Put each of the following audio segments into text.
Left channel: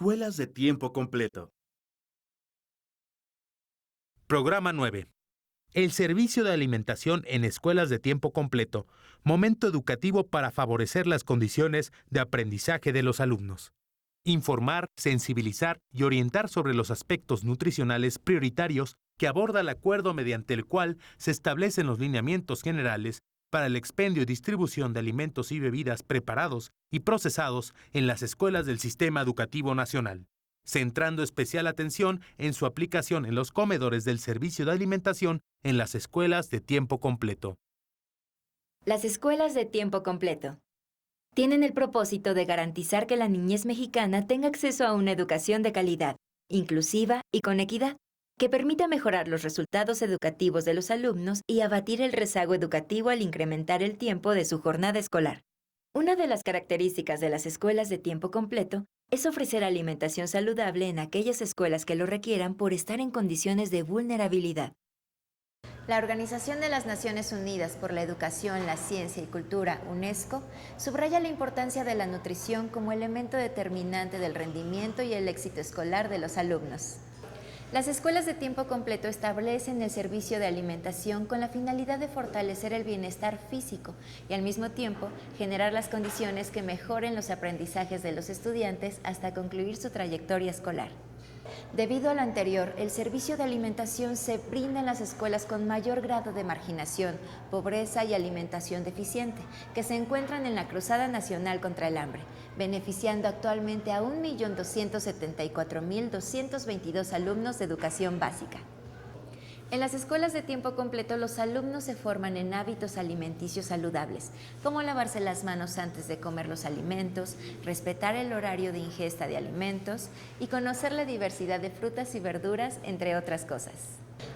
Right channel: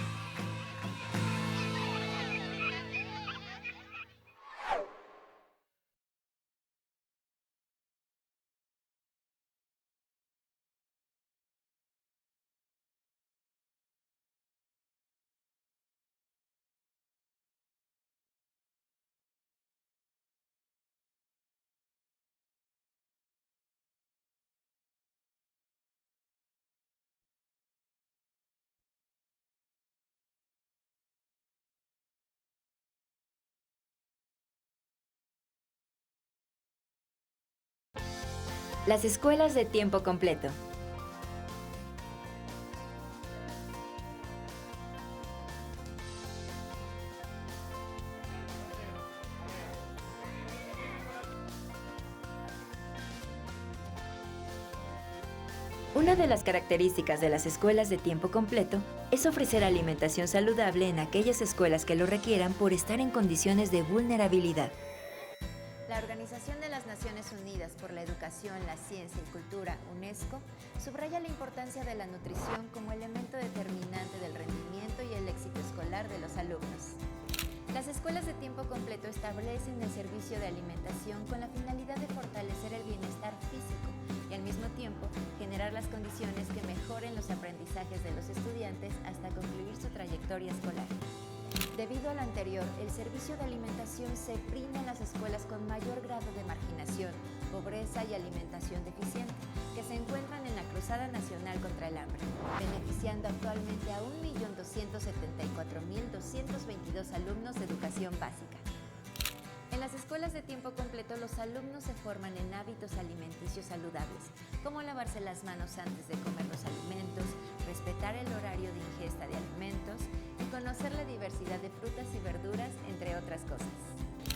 Escuelas de tiempo completo. Programa 9. El servicio de alimentación en escuelas de tiempo completo. Momento educativo para favorecer las condiciones de aprendizaje de los alumnos. Informar, sensibilizar y orientar sobre los aspectos nutricionales prioritarios que aborda el acuerdo mediante el cual se establecen los lineamientos generales para el expendio y distribución de alimentos y bebidas preparados y procesados en las escuelas del Sistema Educativo Nacional, centrando especial atención en su aplicación en los comedores del servicio de alimentación en las escuelas de tiempo completo. Las escuelas de tiempo completo tienen el propósito de garantizar que la niñez mexicana tenga acceso a una educación de calidad, inclusiva y con equidad, que permita mejorar los resultados educativos de los alumnos y abatir el rezago educativo al incrementar el tiempo de su jornada escolar. Una de las características de las escuelas de tiempo completo es ofrecer alimentación saludable en aquellas escuelas que lo requieran por estar en condiciones de vulnerabilidad. La Organización de las Naciones Unidas por la Educación, la Ciencia y Cultura, UNESCO, subraya la importancia de la nutrición como elemento determinante del rendimiento y el éxito escolar de los alumnos. Las escuelas de tiempo completo establecen el servicio de alimentación con la finalidad de fortalecer el bienestar físico y al mismo tiempo generar las condiciones que mejoren los aprendizajes de los estudiantes hasta concluir su trayectoria escolar. Debido a lo anterior, el servicio de alimentación se brinda en las escuelas con mayor grado de marginación, pobreza y alimentación deficiente, que se encuentran en la Cruzada Nacional contra el Hambre, beneficiando actualmente a 1.274.222 alumnos de educación básica. En las escuelas de tiempo completo, los alumnos se forman en hábitos alimenticios saludables, como lavarse las manos antes de comer los alimentos, respetar el horario de ingesta de alimentos y conocer la diversidad de frutas y verduras, entre otras cosas.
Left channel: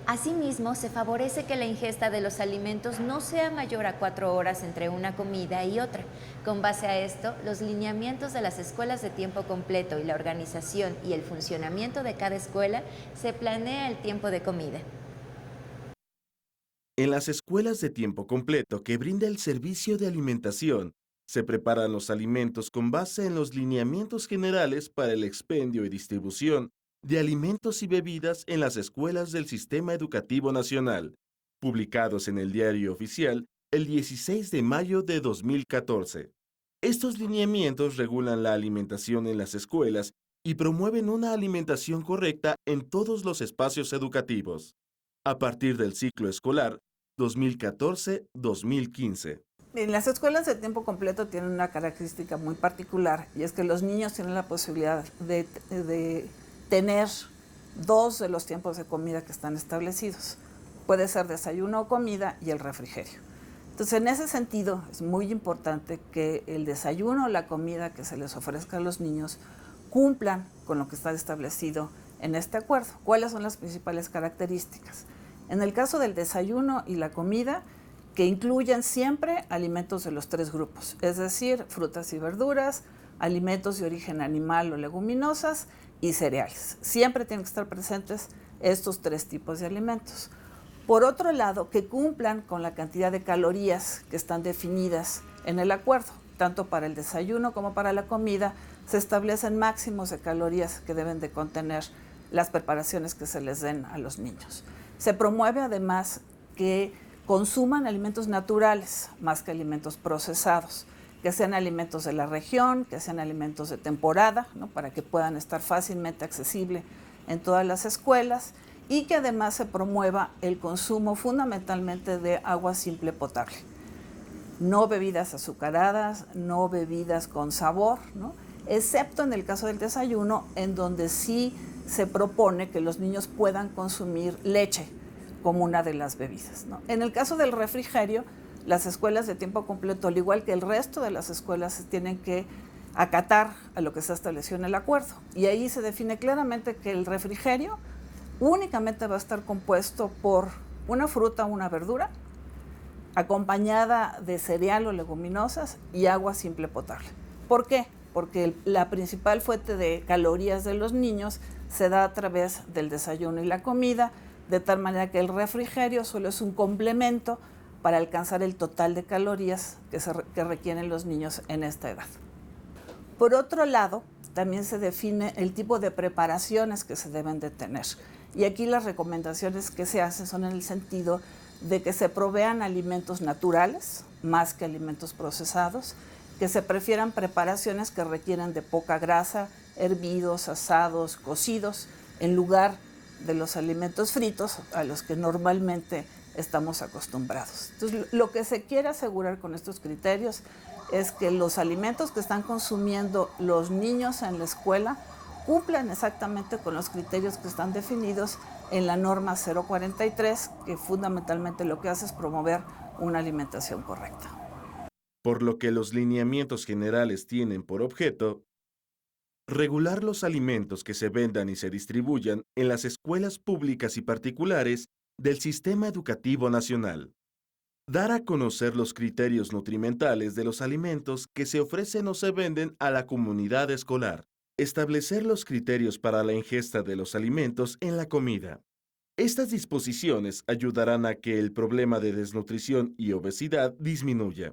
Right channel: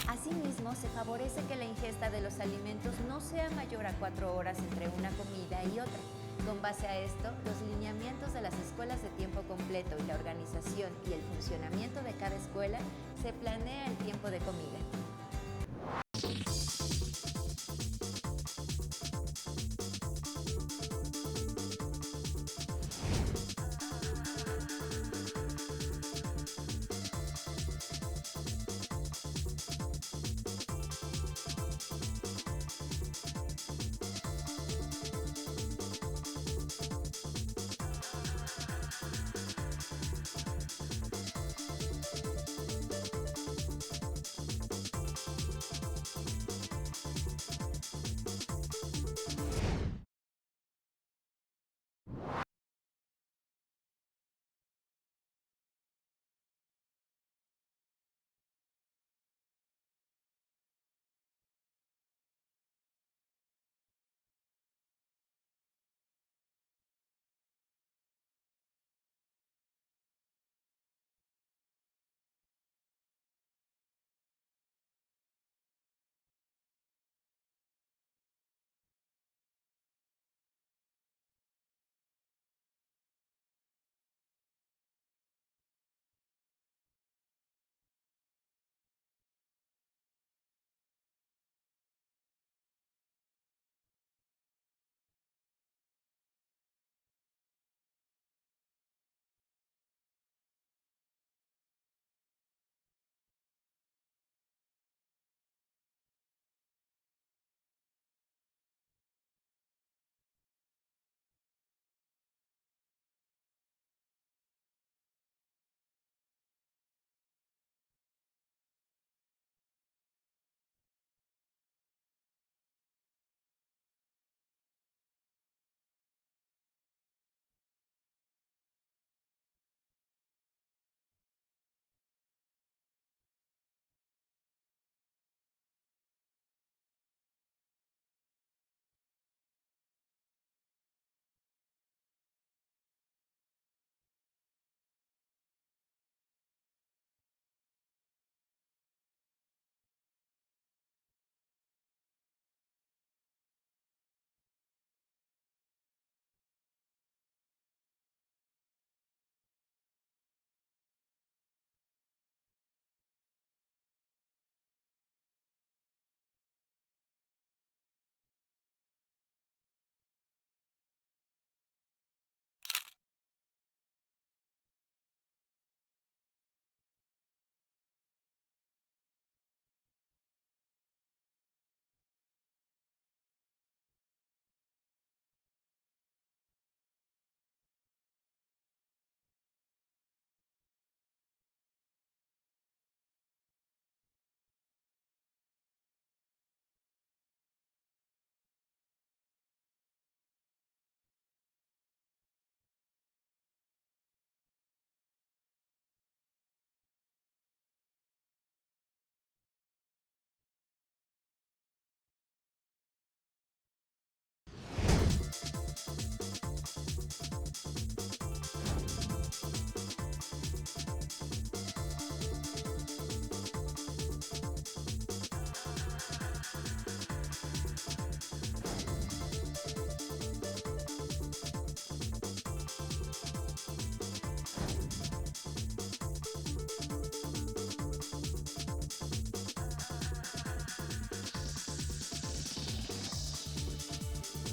Asimismo, se favorece que la ingesta de los alimentos no sea mayor a 4 horas entre una comida y otra. Con base a esto, los lineamientos de las escuelas de tiempo completo y la organización y el funcionamiento de cada escuela se planea el tiempo de comida. En las escuelas de tiempo completo que brinda el servicio de alimentación, se preparan los alimentos con base en los lineamientos generales para el expendio y distribución de alimentos y bebidas en las escuelas del Sistema Educativo Nacional, publicados en el Diario Oficial el 16 de mayo de 2014. Estos lineamientos regulan la alimentación en las escuelas y promueven una alimentación correcta en todos los espacios educativos, a partir del ciclo escolar 2014-2015. En las escuelas de tiempo completo tienen una característica muy particular, y es que los niños tienen la posibilidad de tener 2 de los tiempos de comida que están establecidos. Puede ser desayuno o comida y el refrigerio. Entonces, en ese sentido, es muy importante que el desayuno o la comida que se les ofrezca a los niños cumplan con lo que está establecido en este acuerdo. ¿Cuáles son las principales características? En el caso del desayuno y la comida, que incluyan siempre alimentos de los 3 grupos, es decir, frutas y verduras, alimentos de origen animal o leguminosas y cereales. Siempre tienen que estar presentes estos 3 tipos de alimentos. Por otro lado, que cumplan con la cantidad de calorías que están definidas en el acuerdo. Tanto para el desayuno como para la comida se establecen máximos de calorías que deben de contener las preparaciones que se les den a los niños. Se promueve además que consuman alimentos naturales más que alimentos procesados, que sean alimentos de la región, que sean alimentos de temporada, ¿no?, para que puedan estar fácilmente accesibles en todas las escuelas, y que además se promueva el consumo fundamentalmente de agua simple potable. No bebidas azucaradas, no bebidas con sabor, ¿no?, excepto en el caso del desayuno, en donde sí se propone que los niños puedan consumir leche como una de las bebidas, ¿no? En el caso del refrigerio, las escuelas de tiempo completo, al igual que el resto de las escuelas, tienen que acatar a lo que se estableció en el acuerdo. Y ahí se define claramente que el refrigerio únicamente va a estar compuesto por una fruta o una verdura, acompañada de cereal o leguminosas y agua simple potable. ¿Por qué? Porque la principal fuente de calorías de los niños se da a través del desayuno y la comida, de tal manera que el refrigerio solo es un complemento para alcanzar el total de calorías que requieren los niños en esta edad. Por otro lado, también se define el tipo de preparaciones que se deben de tener. Y aquí las recomendaciones que se hacen son en el sentido de que se provean alimentos naturales, más que alimentos procesados, que se prefieran preparaciones que requieren de poca grasa, hervidos, asados, cocidos, en lugar de los alimentos fritos a los que normalmente estamos acostumbrados. Entonces, lo que se quiere asegurar con estos criterios es que los alimentos que están consumiendo los niños en la escuela cumplan exactamente con los criterios que están definidos en la norma 043, que fundamentalmente lo que hace es promover una alimentación correcta. Por lo que los lineamientos generales tienen por objeto regular los alimentos que se vendan y se distribuyan en las escuelas públicas y particulares del Sistema Educativo Nacional. Dar a conocer los criterios nutrimentales de los alimentos que se ofrecen o se venden a la comunidad escolar. Establecer los criterios para la ingesta de los alimentos en la comida. Estas disposiciones ayudarán a que el problema de desnutrición y obesidad disminuya,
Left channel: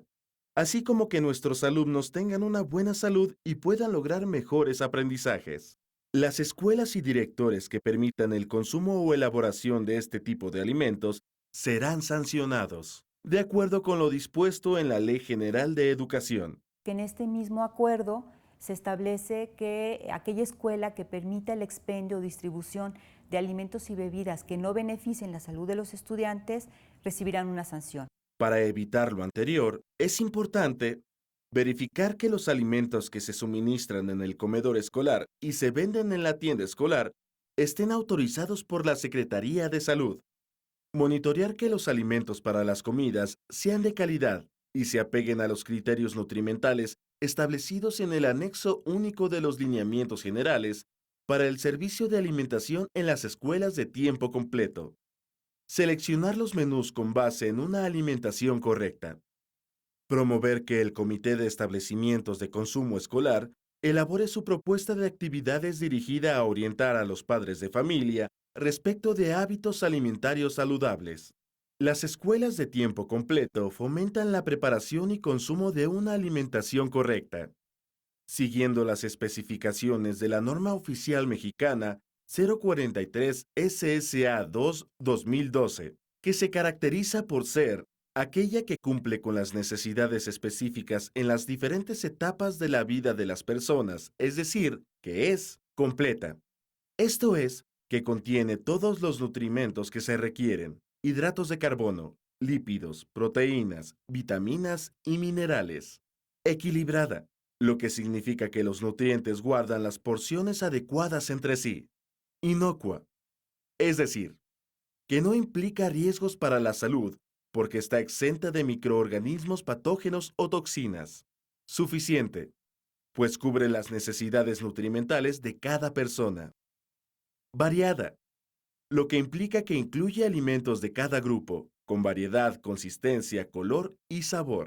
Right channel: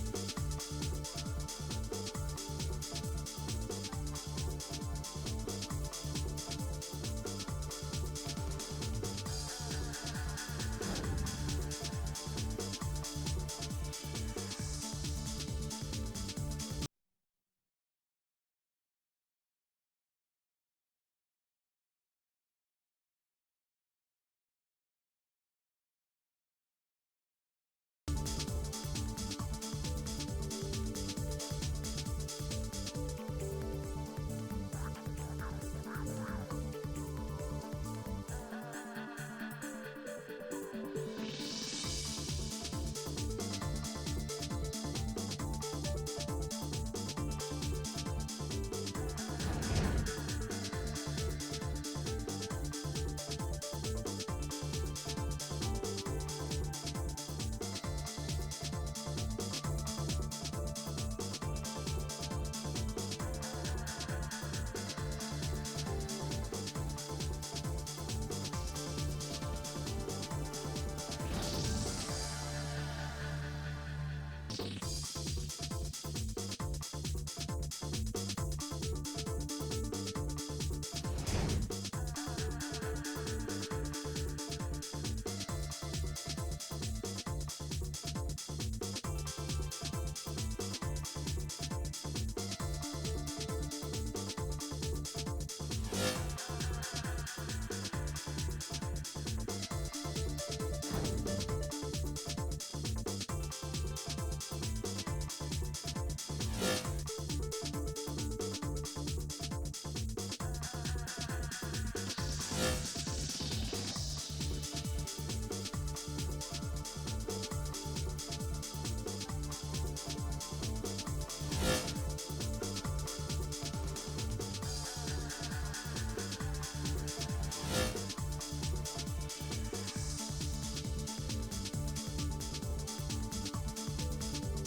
así como que nuestros alumnos tengan una buena salud y puedan lograr mejores aprendizajes. Las escuelas y directores que permitan el consumo o elaboración de este tipo de alimentos serán sancionados, de acuerdo con lo dispuesto en la Ley General de Educación. En este mismo acuerdo se establece que aquella escuela que permita el expendio o distribución de alimentos y bebidas que no beneficien la salud de los estudiantes recibirán una sanción. Para evitar lo anterior, es importante verificar que los alimentos que se suministran en el comedor escolar y se venden en la tienda escolar estén autorizados por la Secretaría de Salud. Monitorear que los alimentos para las comidas sean de calidad y se apeguen a los criterios nutrimentales establecidos en el anexo único de los lineamientos generales para el servicio de alimentación en las escuelas de tiempo completo. Seleccionar los menús con base en una alimentación correcta. Promover que el Comité de Establecimientos de Consumo Escolar elabore su propuesta de actividades dirigida a orientar a los padres de familia respecto de hábitos alimentarios saludables. Las escuelas de tiempo completo fomentan la preparación y consumo de una alimentación correcta, siguiendo las especificaciones de la norma oficial mexicana 043 SSA 2-2012, que se caracteriza por ser aquella que cumple con las necesidades específicas en las diferentes etapas de la vida de las personas, es decir, que es completa. Esto es, que contiene todos los nutrimentos que se requieren, hidratos de carbono, lípidos, proteínas, vitaminas y minerales. Equilibrada, lo que significa que los nutrientes guardan las porciones adecuadas entre sí. Inocua, es decir, que no implica riesgos para la salud porque está exenta de microorganismos patógenos o toxinas. Suficiente, pues cubre las necesidades nutrimentales de cada persona. Variada, lo que implica que incluye alimentos de cada grupo, con variedad, consistencia, color y sabor.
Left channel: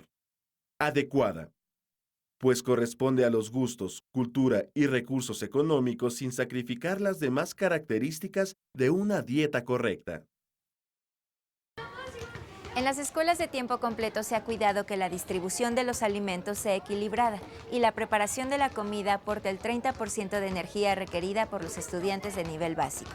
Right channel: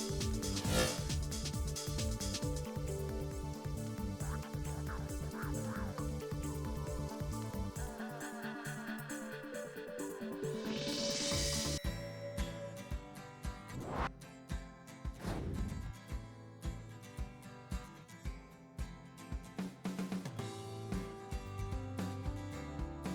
Adecuada, pues corresponde a los gustos, cultura y recursos económicos sin sacrificar las demás características de una dieta correcta. En las escuelas de tiempo completo se ha cuidado que la distribución de los alimentos sea equilibrada y la preparación de la comida aporte el 30% de energía requerida por los estudiantes de nivel básico.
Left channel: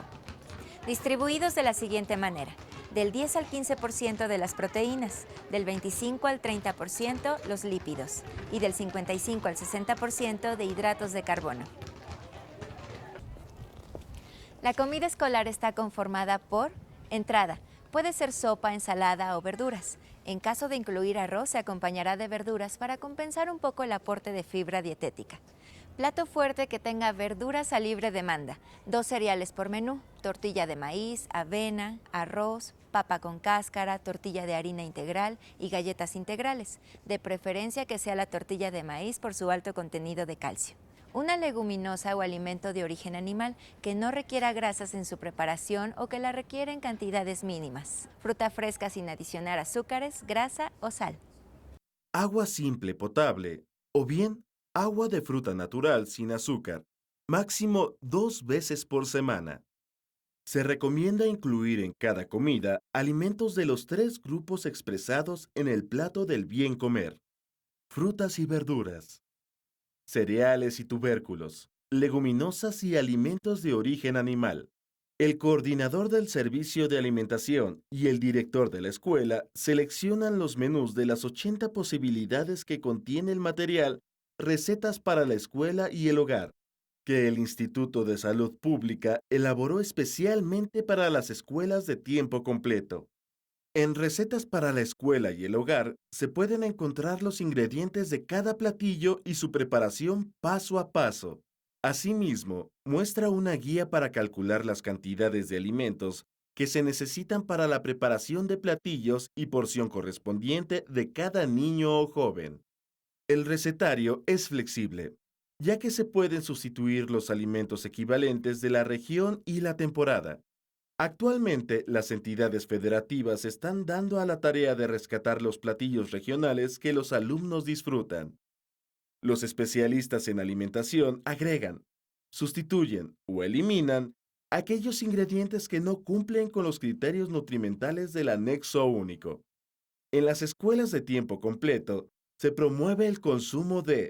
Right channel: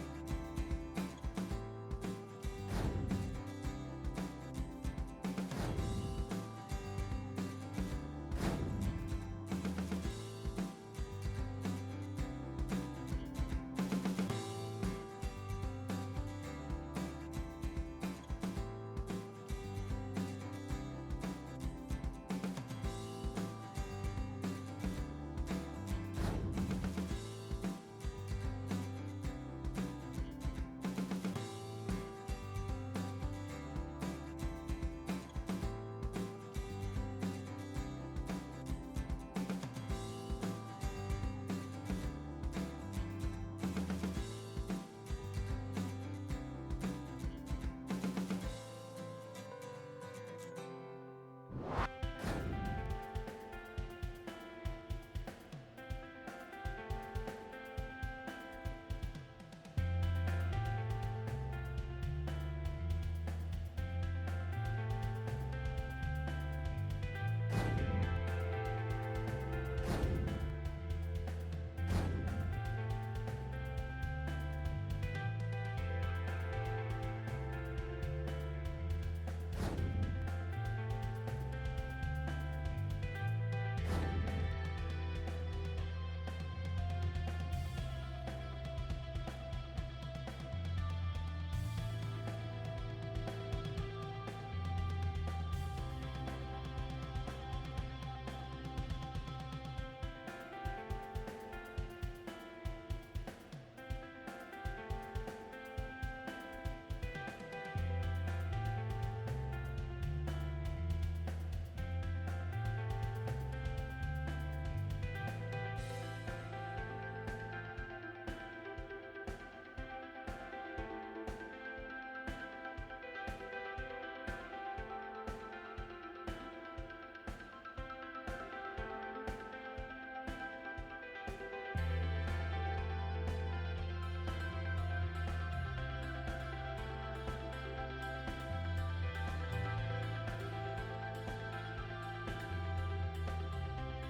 Distribuidos de la siguiente manera: del 10 al 15% de las proteínas, del 25 al 30% los lípidos y del 55 al 60% de hidratos de carbono. La comida escolar está conformada por entrada. Puede ser sopa, ensalada o verduras. En caso de incluir arroz, se acompañará de verduras para compensar un poco el aporte de fibra dietética. Plato fuerte que tenga verduras a libre demanda. 2 cereales por menú: tortilla de maíz, avena, arroz, papa con cáscara, tortilla de harina integral y galletas integrales. De preferencia que sea la tortilla de maíz por su alto contenido de calcio. Una leguminosa o alimento de origen animal que no requiera grasas en su preparación o que la requiera en cantidades mínimas. Fruta fresca sin adicionar azúcares, grasa o sal. Agua simple potable o bien agua de fruta natural sin azúcar, máximo 2 veces por semana. Se recomienda incluir en cada comida alimentos de los 3 grupos expresados en el plato del bien comer: frutas y verduras, cereales y tubérculos, leguminosas y alimentos de origen animal. El coordinador del servicio de alimentación y el director de la escuela seleccionan los menús de las 80 posibilidades que contiene el material Recetas para la Escuela y el Hogar, que el Instituto de Salud Pública elaboró especialmente para las escuelas de tiempo completo. En Recetas para la Escuela y el Hogar se pueden encontrar los ingredientes de cada platillo y su preparación paso a paso. Asimismo, muestra una guía para calcular las cantidades de alimentos que se necesitan para la preparación de platillos y porción correspondiente de cada niño o joven. El recetario es flexible, ya que se pueden sustituir los alimentos equivalentes de la región y la temporada. Actualmente, las entidades federativas están dando a la tarea de rescatar los platillos regionales que los alumnos disfrutan. Los especialistas en alimentación agregan, sustituyen o eliminan aquellos ingredientes que no cumplen con los criterios nutrimentales del anexo único. En las escuelas de tiempo completo, se promueve el consumo de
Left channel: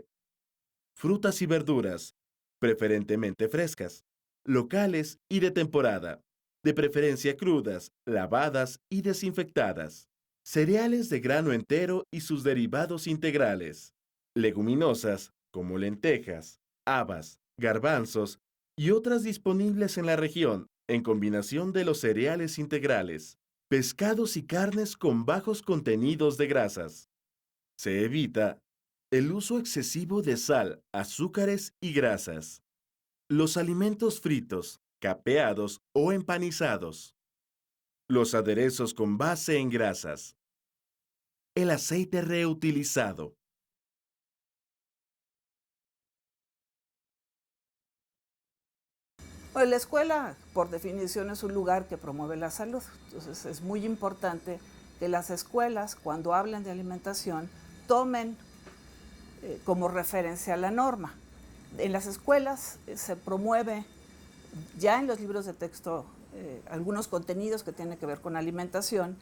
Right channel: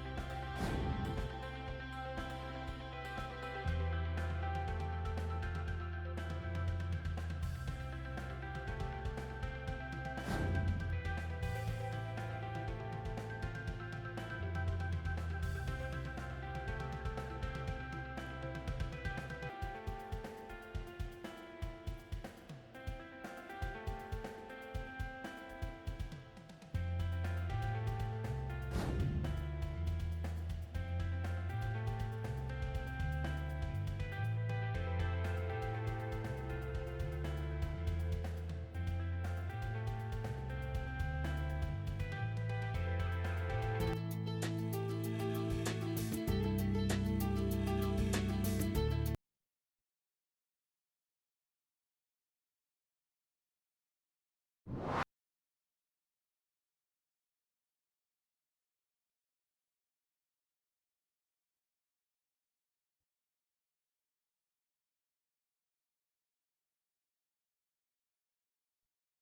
frutas y verduras, preferentemente frescas, locales y de temporada, de preferencia crudas, lavadas y desinfectadas, cereales de grano entero y sus derivados integrales, leguminosas como lentejas, habas, garbanzos y otras disponibles en la región en combinación de los cereales integrales, pescados y carnes con bajos contenidos de grasas. Se evita el uso excesivo de sal, azúcares y grasas. Los alimentos fritos, capeados o empanizados. Los aderezos con base en grasas. El aceite reutilizado. La escuela, por definición, es un lugar que promueve la salud. Entonces, es muy importante que las escuelas, cuando hablen de alimentación, tomen como referencia la norma. En las escuelas se promueve ya en los libros de texto algunos contenidos que tienen que ver con alimentación,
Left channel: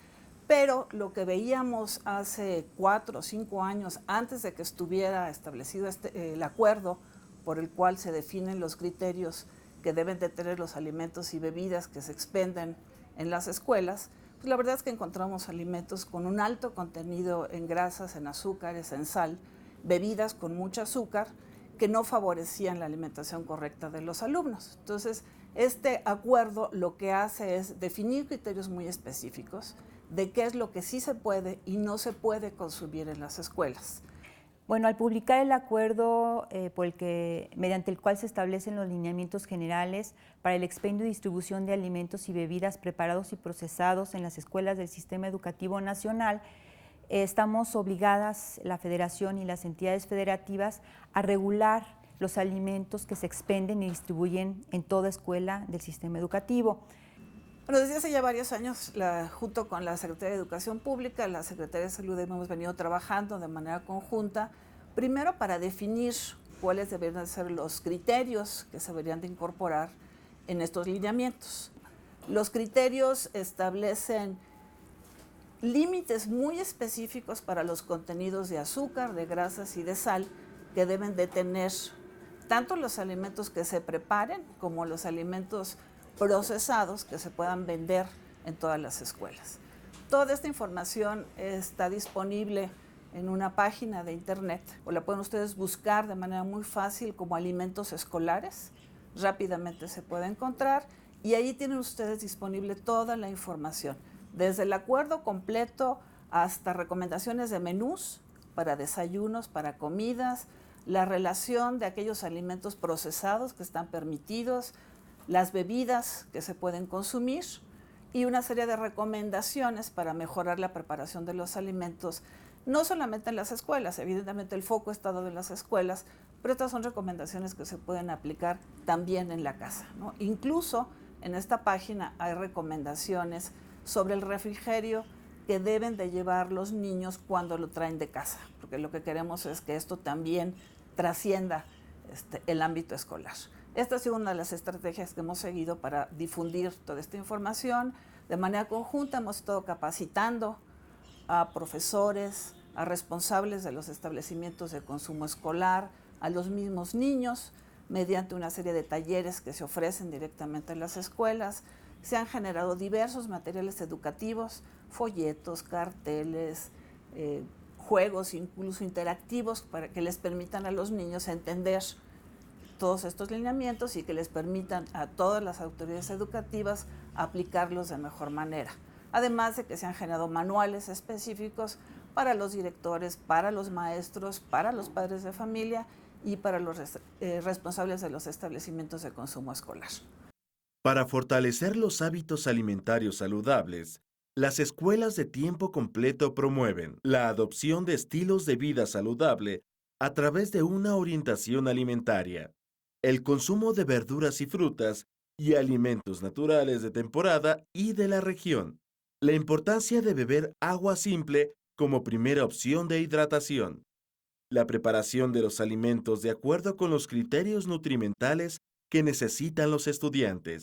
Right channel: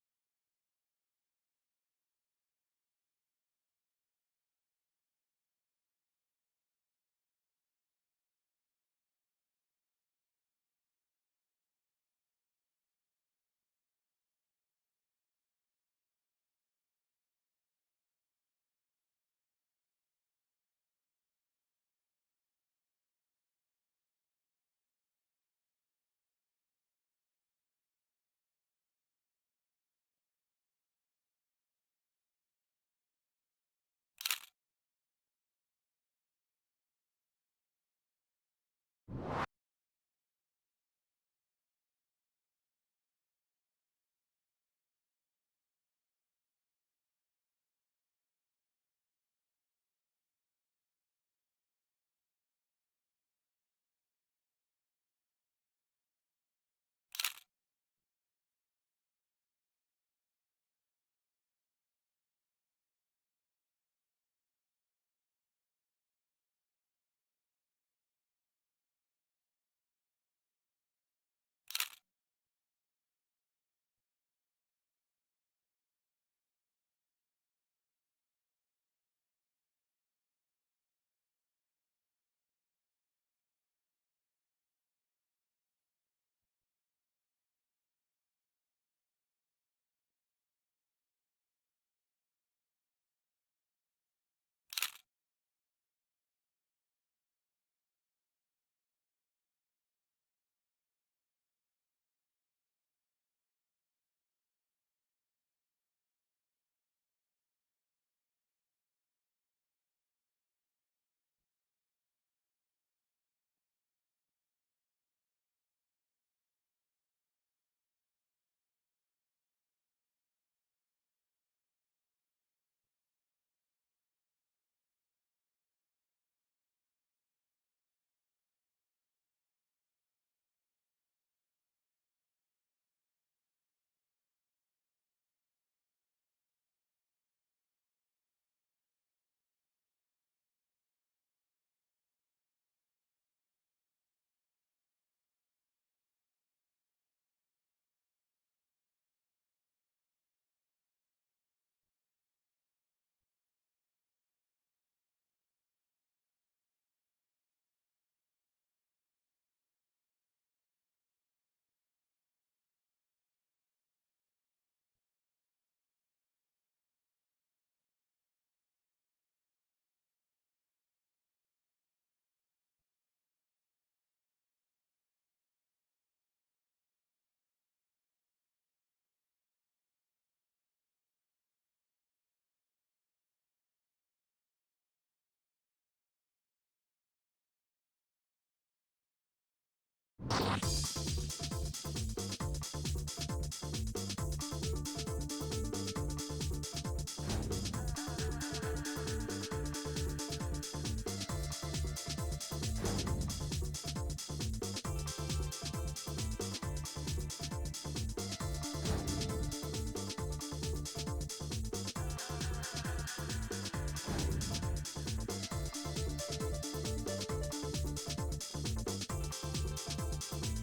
pero lo que veíamos hace 4 o 5 años, antes de que estuviera establecido el acuerdo por el cual se definen los criterios que deben de tener los alimentos y bebidas que se expenden en las escuelas, pues la verdad es que encontramos alimentos con un alto contenido en grasas, en azúcares, en sal, bebidas con mucho azúcar que no favorecían la alimentación correcta de los alumnos. Entonces, este acuerdo lo que hace es definir criterios muy específicos de qué es lo que sí se puede y no se puede consumir en las escuelas. Bueno, al publicar el acuerdo mediante el cual se establecen los lineamientos generales para el expendio y distribución de alimentos y bebidas preparados y procesados en las escuelas del Sistema Educativo Nacional, estamos obligadas, la Federación y las entidades federativas, a regular los alimentos que se expenden y distribuyen en toda escuela del sistema educativo. Bueno, desde hace ya varios años, junto con la Secretaría de Educación Pública, la Secretaría de Salud, hemos venido trabajando de manera conjunta, primero para definir cuáles deberían ser los criterios que se deberían de incorporar en estos lineamientos. Los criterios establecen límites muy específicos para los contenidos de azúcar, de grasas y de sal que deben de tener tanto los alimentos que se preparen como los alimentos procesados que se puedan vender en todas las escuelas. Toda esta información está disponible en una página de internet o la pueden ustedes buscar de manera muy fácil como alimentos escolares. Rápidamente se puede encontrar y ahí tienen ustedes disponible toda la información, desde el acuerdo completo hasta recomendaciones de menús para desayunos, para comidas, la relación de aquellos alimentos procesados que están permitidos, las bebidas que se pueden consumir y una serie de recomendaciones para mejorar la preparación de los alimentos, no solamente en las escuelas, evidentemente el foco está dado en las escuelas, pero estas son recomendaciones que se pueden aplicar también en la casa, ¿no? Incluso en esta página hay recomendaciones sobre el refrigerio que deben de llevar los niños cuando lo traen de casa, porque lo que queremos es que esto también trascienda el ámbito escolar. Esta ha sido una de las estrategias que hemos seguido para difundir toda esta información. De manera conjunta hemos estado capacitando a profesores, a responsables de los establecimientos de consumo escolar, a los mismos niños, mediante una serie de talleres que se ofrecen directamente en las escuelas. Se han generado diversos materiales educativos, folletos, carteles, juegos incluso interactivos para que les permitan a los niños entender todos estos lineamientos y que les permitan a todas las autoridades educativas aplicarlos de mejor manera. Además de que se han generado manuales específicos para los directores, para los maestros, para los padres de familia y para los responsables de los establecimientos de consumo escolar. Para fortalecer los hábitos alimentarios saludables, las escuelas de tiempo completo promueven la adopción de estilos de vida saludable a través de una orientación alimentaria, el consumo de verduras y frutas y alimentos naturales de temporada y de la región, la importancia de beber agua simple como primera opción de hidratación, la preparación de los alimentos de acuerdo con los criterios nutrimentales que necesitan los estudiantes,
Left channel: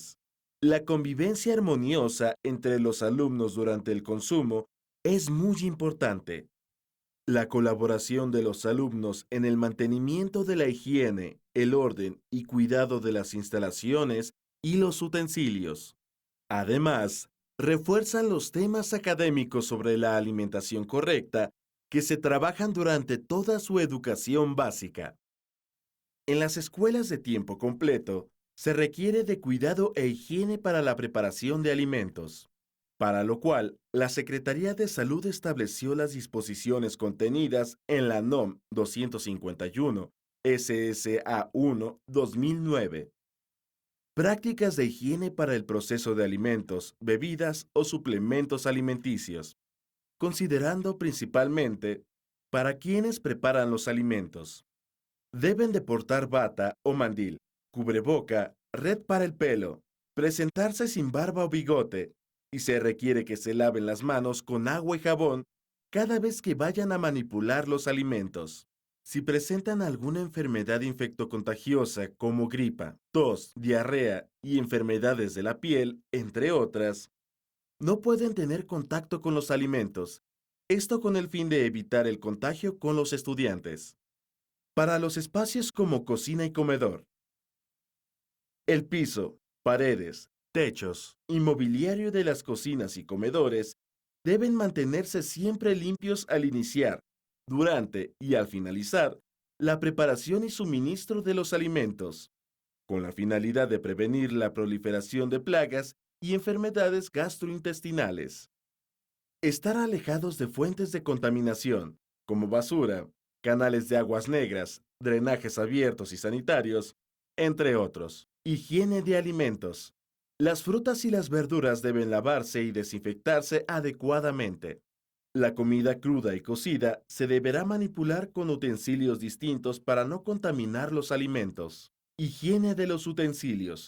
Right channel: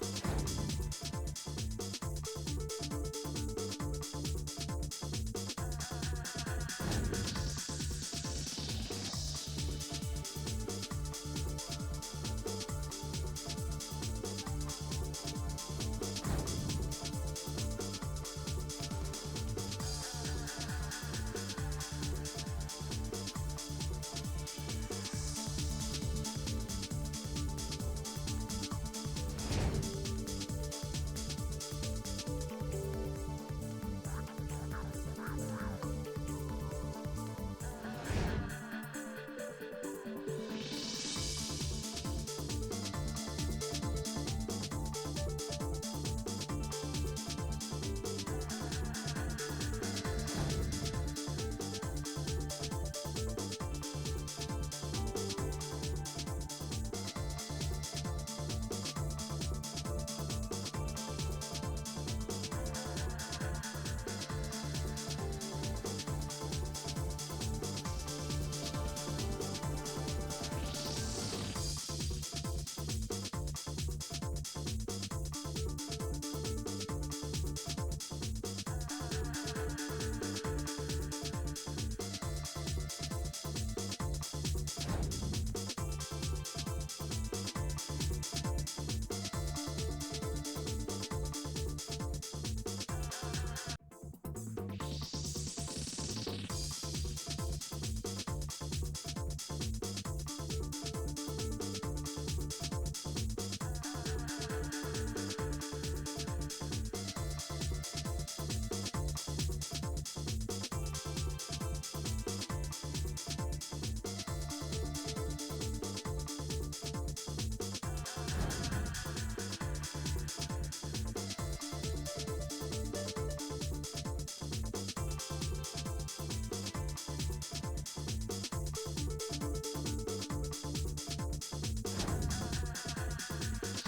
la convivencia armoniosa entre los alumnos durante el consumo es muy importante, la colaboración de los alumnos en el mantenimiento de la higiene, el orden y cuidado de las instalaciones y los utensilios. Además, refuerzan los temas académicos sobre la alimentación correcta que se trabajan durante toda su educación básica. En las escuelas de tiempo completo, se requiere de cuidado e higiene para la preparación de alimentos, para lo cual la Secretaría de Salud estableció las disposiciones contenidas en la NOM 251 SSA1 2009. Prácticas de higiene para el proceso de alimentos, bebidas o suplementos alimenticios, considerando principalmente para quienes preparan los alimentos. Deben de portar bata o mandil, cubreboca, red para el pelo, presentarse sin barba o bigote y se requiere que se laven las manos con agua y jabón cada vez que vayan a manipular los alimentos. Si presentan alguna enfermedad infectocontagiosa como gripa, tos, diarrea y enfermedades de la piel, entre otras, no pueden tener contacto con los alimentos, esto con el fin de evitar el contagio con los estudiantes. Para los espacios como cocina y comedor, el piso, paredes, techos y mobiliario de las cocinas y comedores deben mantenerse siempre limpios al iniciar, durante y al finalizar la preparación y suministro de los alimentos, con la finalidad de prevenir la proliferación de plagas y enfermedades gastrointestinales. Estar alejados de fuentes de contaminación, como basura, canales de aguas negras, drenajes abiertos y sanitarios, entre otros. Higiene de alimentos. Las frutas y las verduras deben lavarse y desinfectarse adecuadamente. La comida cruda y cocida se deberá manipular con utensilios distintos para no contaminar los alimentos. Higiene de los utensilios.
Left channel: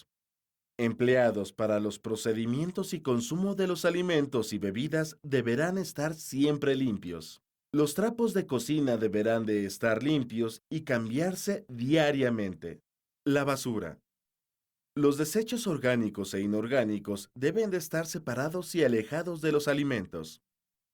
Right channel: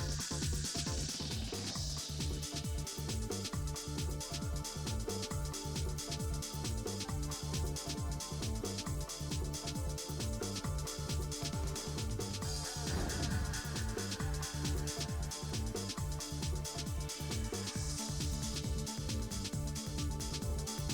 Empleados para los procedimientos y consumo de los alimentos y bebidas deberán estar siempre limpios. Los trapos de cocina deberán de estar limpios y cambiarse diariamente. La basura. Los desechos orgánicos e inorgánicos deben de estar separados y alejados de los alimentos,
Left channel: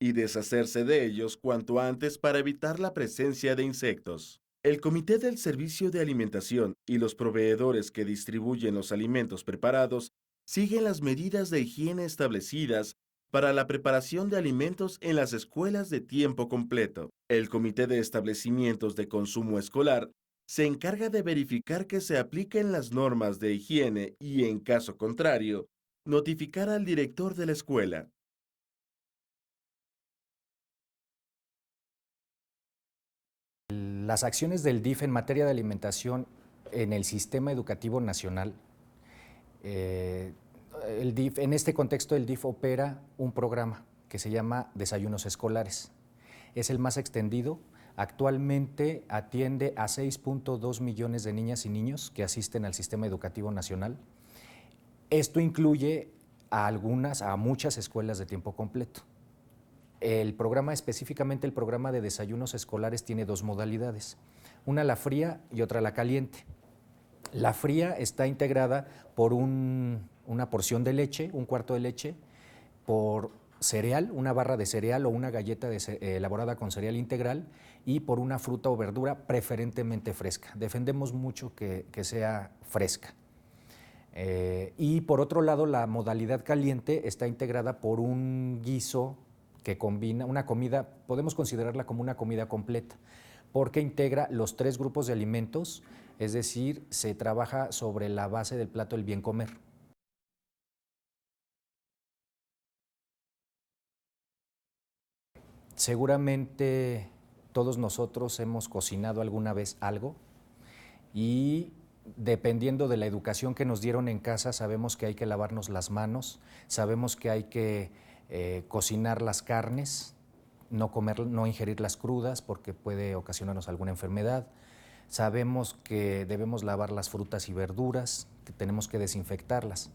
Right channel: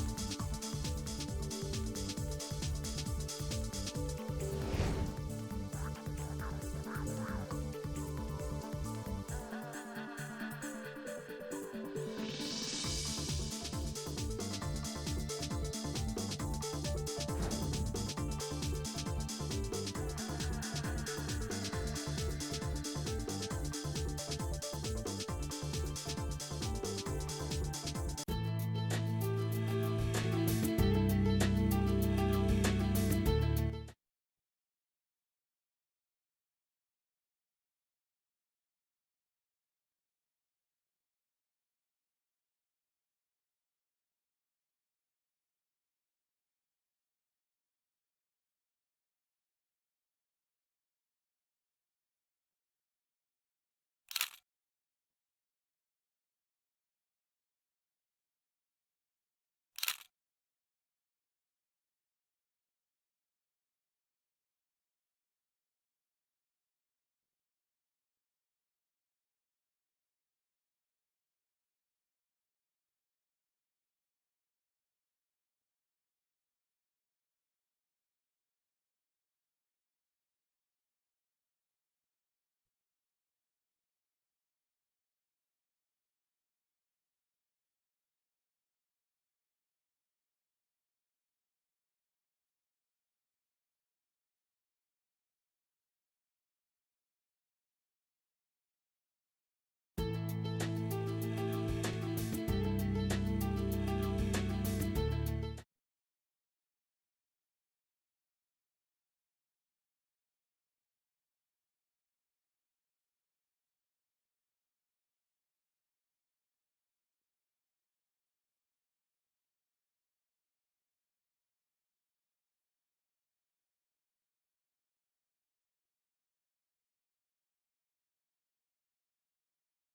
y deshacerse de ellos cuanto antes para evitar la presencia de insectos. El Comité del Servicio de Alimentación y los proveedores que distribuyen los alimentos preparados siguen las medidas de higiene establecidas para la preparación de alimentos en las escuelas de tiempo completo. El Comité de Establecimientos de Consumo Escolar se encarga de verificar que se apliquen las normas de higiene y, en caso contrario, notificar al director de la escuela. Las acciones del DIF en materia de alimentación en el sistema educativo nacional, en este contexto el DIF opera un programa que se llama Desayunos Escolares. Es el más extendido. Actualmente atiende a 6.2 millones de niñas y niños que asisten al sistema educativo nacional. Esto incluye a muchas escuelas de tiempo completo. El programa, específicamente el programa de desayunos escolares, tiene dos modalidades, una la fría y otra la caliente. La fría está integrada por una porción de leche, un cuarto de leche, por cereal, una barra de cereal o una galleta elaborada con cereal integral y por una fruta o verdura preferentemente fresca. Defendemos mucho que sea fresca. Y por otro lado, la modalidad caliente está integrada por un guiso que combina una comida, podemos considerarla como una comida completa, porque integra los 3 grupos de alimentos, es decir, se trabaja sobre la base del plato del bien comer. Seguramente todos nosotros hemos cocinado alguna vez algo y dependiendo de la educación que nos dieron en casa, sabemos que hay que lavarnos las manos, sabemos que hay que cocinar las carnes, no ingerirlas crudas porque puede ocasionarnos alguna enfermedad. Sabemos que debemos lavar las frutas y verduras, que tenemos que desinfectarlas.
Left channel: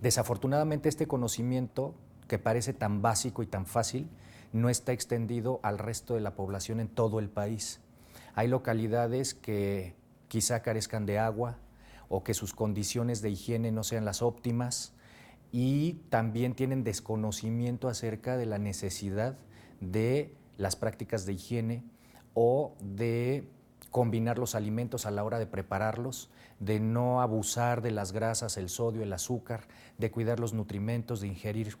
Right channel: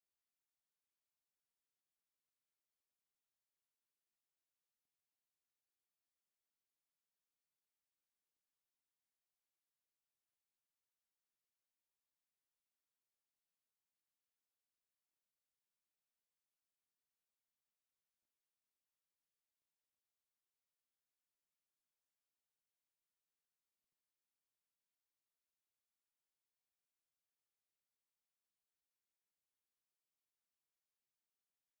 Desafortunadamente, este conocimiento, que parece tan básico y tan fácil, no está extendido al resto de la población en todo el país. Hay localidades que quizá carezcan de agua o que sus condiciones de higiene no sean las óptimas y también tienen desconocimiento acerca de la necesidad de las prácticas de higiene o de combinar los alimentos a la hora de prepararlos, de no abusar de las grasas, el sodio, el azúcar, de cuidar los nutrimentos, de ingerir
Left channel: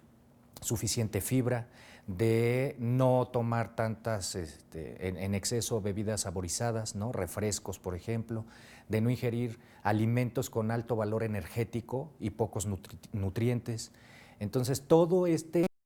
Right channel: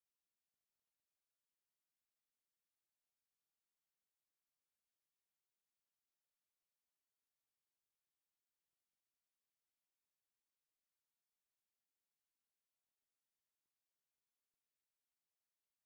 suficiente fibra, de no tomar tantas en exceso bebidas saborizadas, ¿no? Refrescos, por ejemplo, de no ingerir alimentos con alto valor energético y pocos nutrientes. Entonces, todo este